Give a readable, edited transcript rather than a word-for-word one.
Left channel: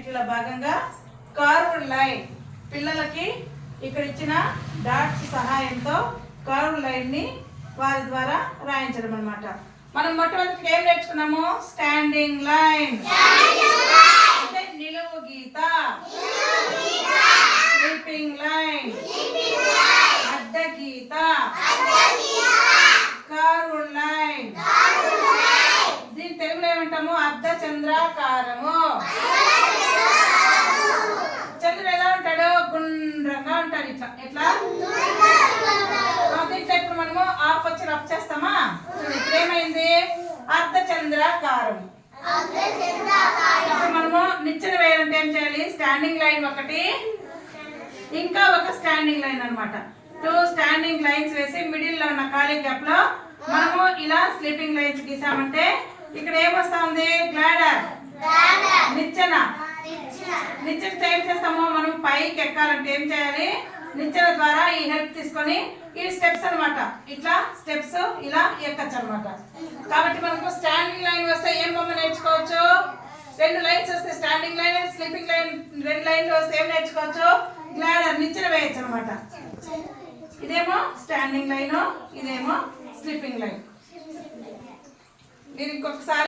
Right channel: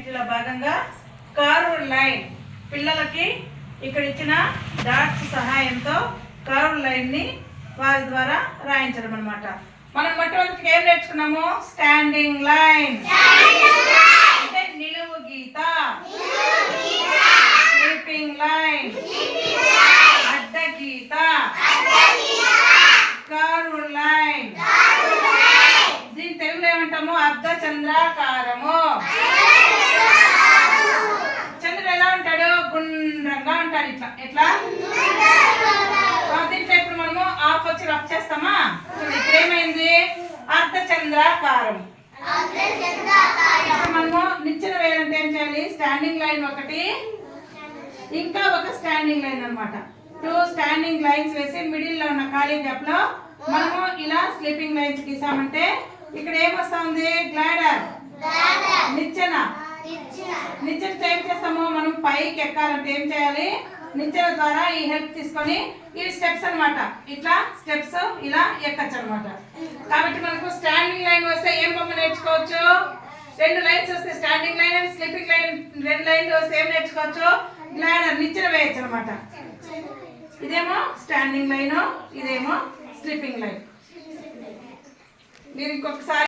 వీటిలో భాగంగా curved line పిల్లలకి ఇక్కడ ఇచ్చిన డాట్స్ సహాయంతో కర్వ్డ్ లైన్ ని వారి ద్వారా రాయించడం అన్నమాట. మనం మొట్టమొదటి ఏం నేర్చుకున్నాము? స్టాండింగ్ లైన్ అంటే నిలువు గీత, స్లీపింగ్ లైన్ అడ్డ గీత, కర్వ్డ్ లైన్ దీని తెలుగులో ఏమంటాము? అర్ధ చంద్రాకారము. చంద్రుడు ఎలా ఉంటాడు? గుండ్రంగా ఉంటాడు. ఇట్లా ఎట్లా దీంట్లో ఇప్పుడు మనము హాఫ్ వచ్చి రఫ్ చేస్తామా? ఇప్పుడు ఏమైంది? అర్ధ చంద్రాకారం. ఇప్పుడు మనము నిచ్చెన వేయాలంటే ఏం చేయాలి? స్టాండింగ్ లైన్ ఒకటి, ఇంకా ఒక స్టాండింగ్ లైన్ అన్నమాట. 2 స్టాండింగ్ లైన్స్ వేసి మిడిల్ లో ఉన్న ఖాళీ గ్యాప్ లో మనము ఇలా స్లీపింగ్ లైన్స్ గీసామంటే ఇక్కడ ఏమొస్తుంది? గ్లాడర్, నిచ్చెన. నిచ్చెన ఏం చేస్తాము? మనం పైకి ఎక్కాలంటే ఏం చేయాలి? నిచ్చెన ద్వారా ఈ హెల్ప్ తీసుకొని ఇవి స్టెప్స్ అన్నమాట. ఇట్లా స్టెప్స్ ఇలా ఎక్కచ్చు అన్నమాట. కాబట్టి మనకు స్టాండింగ్ లైన్ వస్తే ఏం బొమ్మ నేర్చుకోవచ్చు? 2 లైన్స్ వస్తే స్టాండింగ్ లైన్, స్లీపింగ్ లైన్ 2 లైన్లు వస్తే ఏం నేర్చుకోవచ్చు? గ్లాడర్, నిచ్చెన వేయచ్చు అన్నమాట. ఇదేమో స్టాండింగ్ లైన్, ఇదేమో స్లీపింగ్ లైన్. మీరు ఇంకొకసారి